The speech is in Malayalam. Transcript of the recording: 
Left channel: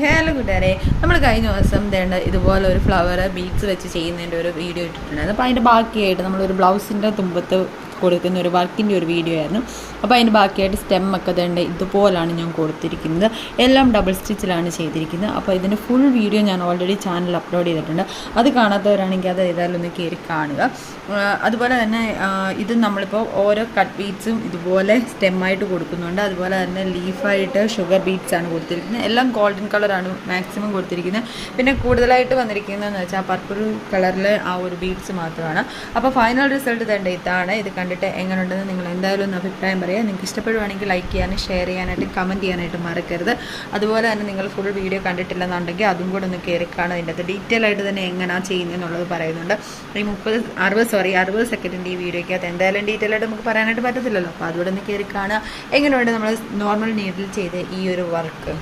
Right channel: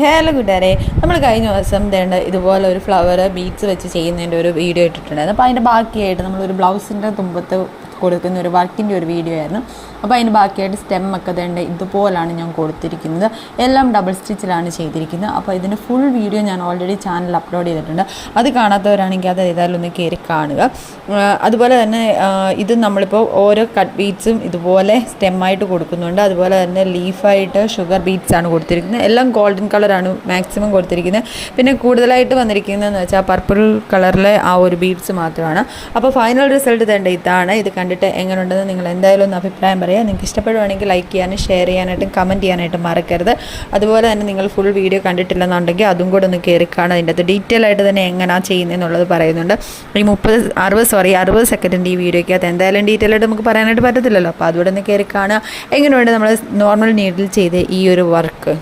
ഹലോ കൂട്ടുകാരെ, നമ്മൾ കഴിഞ്ഞ ദിവസം ഇതുപോലെ ഒരു ഫ്ലവർ ബീഡ്സ് വെച്ച് ചെയ്യുന്നതിൻ്റെ ഒരു വീഡിയോ ഇട്ടിട്ടുണ്ടായിരുന്നു. അപ്പോൾ അതിൻ്റെ ബാക്കിയായിട്ട് നമ്മളൊരു ബ്ലൗസിൻ്റെ തുമ്പത്ത് കൊടുക്കുന്ന ഒരു വർക്കിൻ്റെ ഒരു വീഡിയോ ആയിരുന്നു. അപ്പോൾ അതിന് ബാക്കിയായിട്ട് സ്റ്റെമ്മൊക്കെ ഇതുപോലാണ് ഞാൻ കൊടുത്തിരിക്കുന്നത്. എല്ലാം ഡബിൾ സ്റ്റിച്ചിലാണ് ചെയ്തിരിക്കുന്നത്. അപ്പോൾ ഇതിൻ്റെ ഫുൾ വീഡിയോ ഞാൻ ഓൾറെഡി ചാനലിൽ അപ്ലോഡ് ചെയ്തിട്ടുണ്ട്. അത് കാണാത്തവരാണെങ്കിൽ അത് ഏതായാലും ഒന്ന് കയറി കാണുക. അതുപോലെ തന്നെ ഇത് നമ്മളിപ്പോൾ ഓരോ കട്ട് ബീഡ്സും ഇതുപോലെ സ്റ്റെമ്മായിട്ട് കൊടുക്കുന്നുണ്ട്. അതുപോലെ തന്നെ ലീഫായിട്ട് ഷുഗർ ബീഡ്സാണ് കൊടുത്തിരിക്കുന്നത്. എല്ലാം ഗോൾഡൻ കളറാണ് മാക്സിമം കൊടുത്തിരിക്കുന്നത്. പിന്നെ കൂടുതലായിട്ട് വന്നിരിക്കുന്നതെന്ന് വെച്ചാൽ പർപ്പിൾ കളറിലെ ആ ഒരു ബീഡ്സ് മാത്രമാണ്. അപ്പോൾ ഫൈനൽ റിസൾട്ട് ഇതാണ്. ഇത് കണ്ടിട്ട് എങ്ങനെയുണ്ടെന്ന് നിങ്ങൾ എന്തായാലും ഒന്ന് അഭിപ്രായം പറയുക. നിങ്ങൾക്ക് ഇഷ്ടപ്പെടുവാണെങ്കിൽ ലൈക്ക് ചെയ്യാനും ഷെയർ ചെയ്യാനായിട്ടും കമൻറ്റ് ചെയ്യാനായിട്ടും മറക്കരുത്. അതുപോലെ തന്നെ നിങ്ങൾ ഫുൾ വീഡിയോ കണ്ടിട്ടില്ലെന്നുണ്ടെങ്കിൽ അതും കൂടെ ഒന്ന് കയറി കാണുക. അതിൻ്റെ അത് ഡീറ്റെയിൽ ആയിട്ട് തന്നെ എങ്ങനെയാണ് ചെയ്യുന്നതെന്നുള്ളത് പറയുന്നുണ്ട്. ഈ 60 സെക്കൻഡിൻ്റെ ഈ വീഡിയോയ്ക്കകത്ത് എന്തായാലും ഡീറ്റെയിൽ ആയിട്ട് നമുക്ക് പറയാനായിട്ട് പറ്റത്തില്ലല്ലോ. അപ്പോൾ അതുകൂടെ ഒന്ന് കയറി കാണുക. എങ്ങനെയുണ്ട് നമ്മൾ നോർമൽ നീഡിൽ ചെയ്ത് ഈ ഒരു വർക്ക്.